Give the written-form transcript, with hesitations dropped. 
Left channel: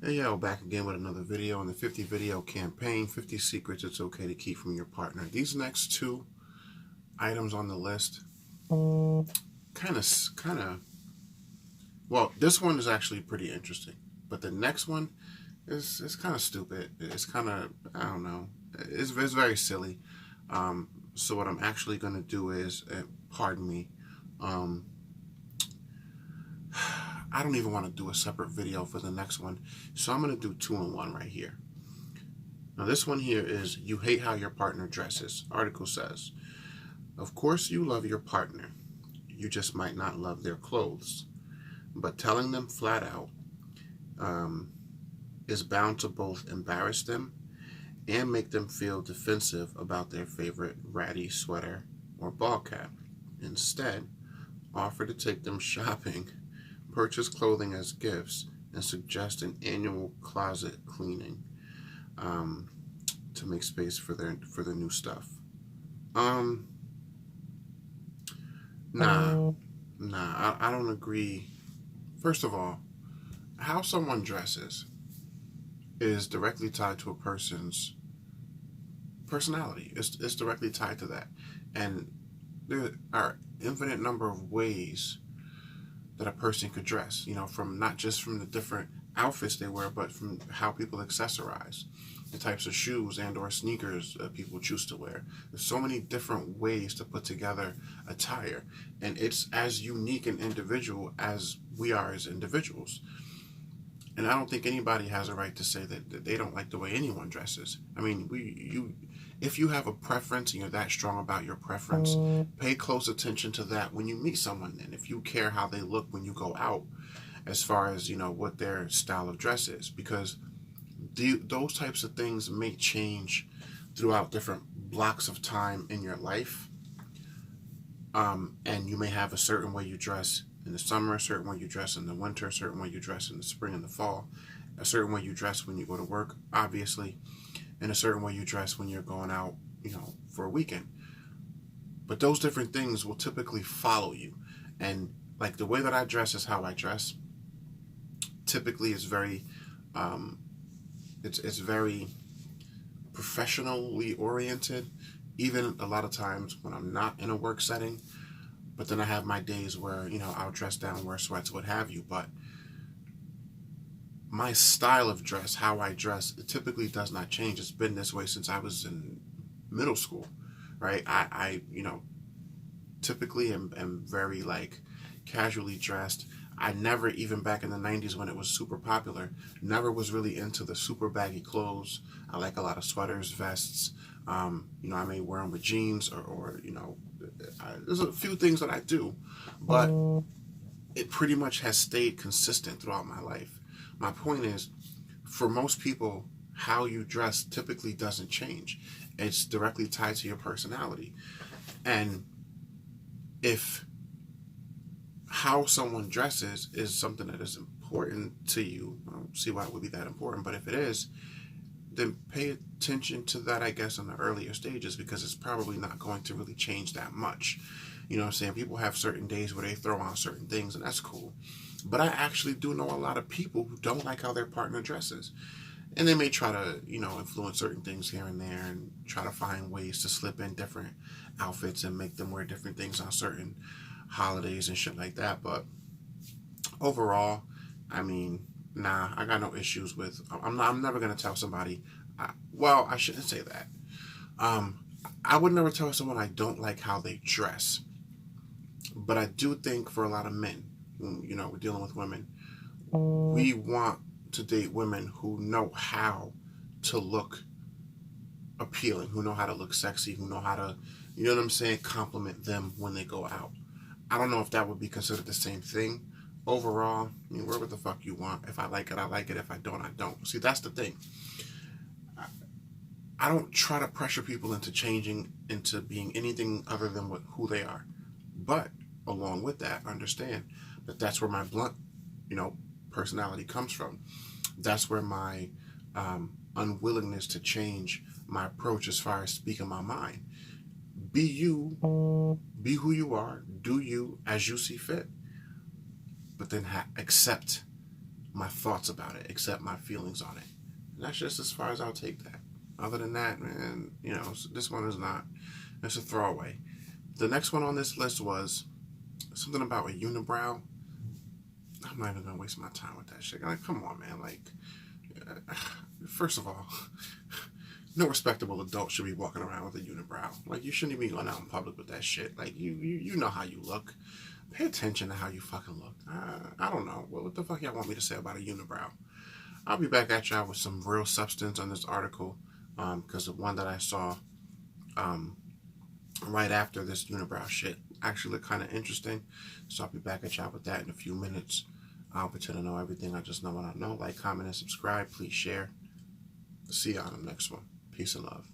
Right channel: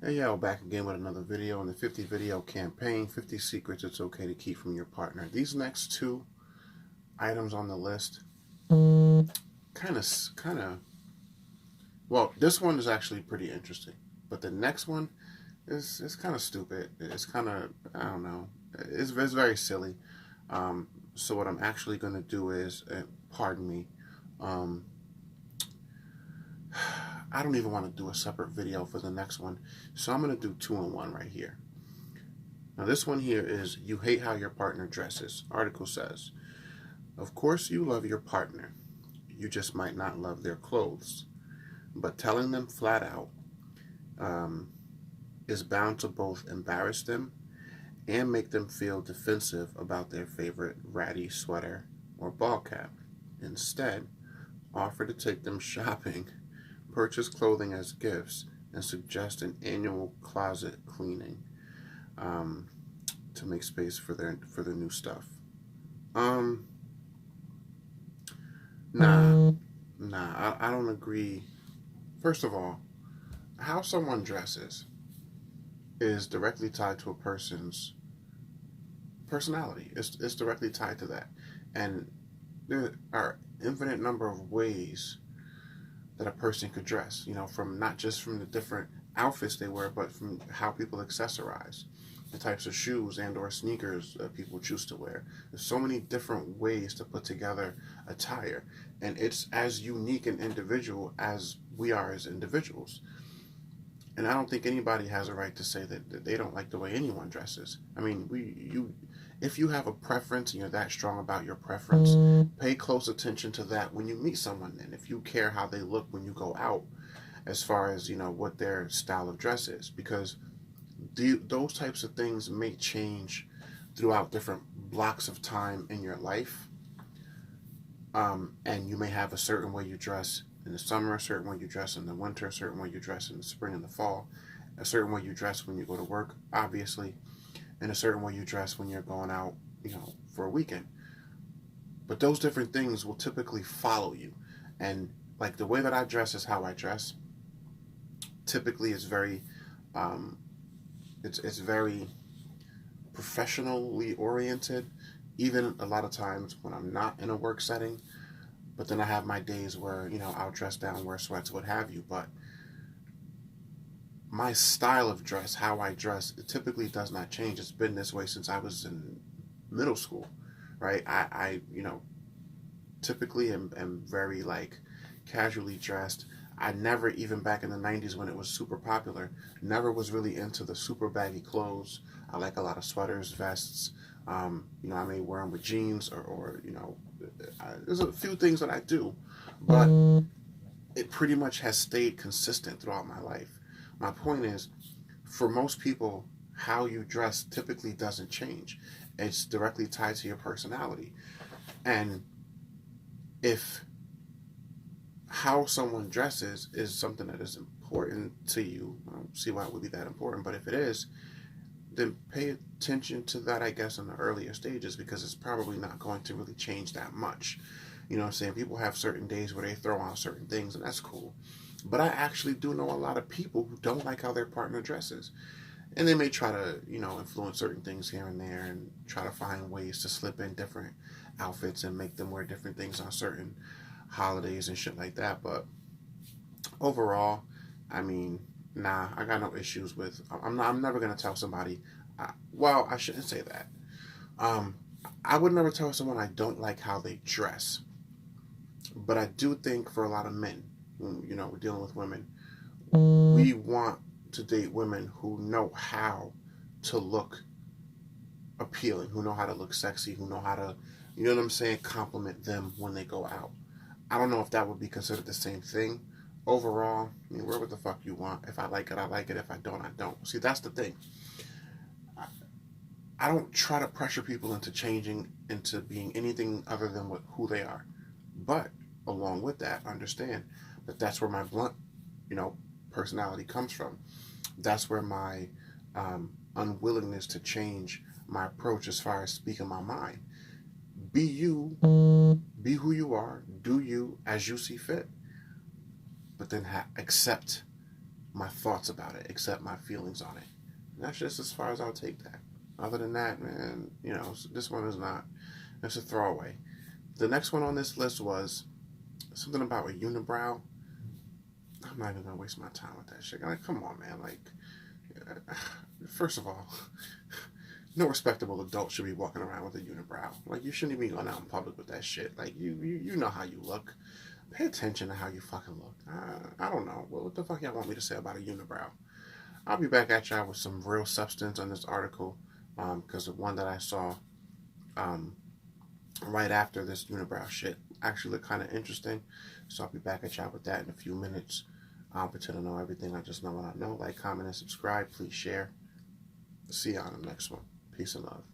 Hey, yeah, we're back again with another video in the 50 video campaign, 50 secrets it's okay to keep from your partner. These next two items on the list kind of, well, this one is actually pretty interesting, but the next one is kind of stupid. It's kind of, I don't know, it's very silly. So what I'm actually going to do is, pardon me, um, I don't even want to do a separate video for the next one, so I'm going to do two in one right here. Now, this one here is you hate how your partner dresses. Article says, of course you love your partner. You just might not love their clothes. But telling them flat out um, is bound to both embarrass them and make them feel defensive about their favorite ratty sweater or ball cap. Instead, offer to take them shopping, purchase clothing as gifts, and suggest an annual closet cleaning. To make space for the new stuff. Um, nah, I don't agree. First of all, how someone dresses is directly tied to a person's personality. It's directly tied to that, and there are infinite number of ways that a person could dress. You know, from not just from the different outfits they wear, but from how people accessorize, the types of shoes and or sneakers people choose to wear. There's so many different ways to put together attire, and it's as unique and individual as we are as individuals. And I don't think anybody has a right to say that they don't like the way anyone dresses. I mean, if you have a preference and you're that strong about your preference, pay close attention to that when you meet someone. And if you care how they look when you go out, as far as what their style of dress is, because those types of things may change throughout different blocks of time in your life. And you may have a certain way you dress in the summer, a certain way you dress in the winter, a certain way you dress in the spring and the fall, a certain way you dress when you go to work, obviously, and a certain way you dress when you're going out, for a weekend. But those different things will typically follow you. And like the way that I dress is how I dress. Typically, it's very, it's very professionally oriented. Even a lot of times when I'm not in a work setting, but then I have my days where, I'll dress down, wear sweats, what have you. But my style of dress, how I dress, it typically does not change. It's been this way since I was in middle school, right? I typically am very like casually dressed. I never, even back in the 90s when it was super popular, never was really into the super baggy clothes. I like a lot of sweaters, vests. I may wear them with jeans or there's a few things that I do, but it pretty much has stayed consistent throughout my life. My point is, for most people, how you dress typically doesn't change. It's directly tied to your personality. And if how someone dresses is something that is important to you, I don't see why it would be that important, but if it is, then pay attention to that, I guess, in the earlier stages, because it's probably not going to really change that much. You know what I'm saying? People have certain days where they throw on certain things, and that's cool. But I actually do know a lot of people who don't like how their partner dresses. And they may try to, influence certain things here and there and try to find ways to slip in different outfits and make them wear different things on certain holidays and shit like that. But overall, I mean, nah, I got no issues with. I'm never gonna tell somebody. Well, I shouldn't say that. Um, I would never tell someone I don't like how they dress. But I do think for a lot of men, we're dealing with women, we want to date women who know how to look appealing, who know how to look sexy, who know how to, you know what I'm saying, compliment them when they go out. I don't know if that would be considered the same thing. Overall, I mean, wear what the fuck you want. If I like it, I like it. If I don't, I don't. See, that's the thing. I don't try to pressure people into changing into being anything other than who they are. But along with that, understand that that's where my blunt, personality comes from. That's where my unwillingness to change my approach as far as speaking my mind. Be you, be who you are, do you as you see fit, but then accept my thoughts about it, except my feelings on it. And that's just as far as I'll take that. Other than that, man, this one is not. It's a throwaway. The next one on this list was something about a unibrow. I'm not even gonna waste my time with that shit. Like, come on, man. Like, first of all, no respectable adult should be walking around with a unibrow. Like, you shouldn't even be going out in public with that shit. Like, you know how you look. Pay attention to how you fucking look. I don't know. What the fuck y'all want me to say about a unibrow? I'll be back at y'all with some real substance on this article, because the one that I saw right after this unibrow shit actually looked kind of interesting. So I'll be back at y'all with that in a few minutes. I'll pretend to know everything. I just know what I know. Like, comment, and subscribe. Please share. See you on the next one. Peace and love.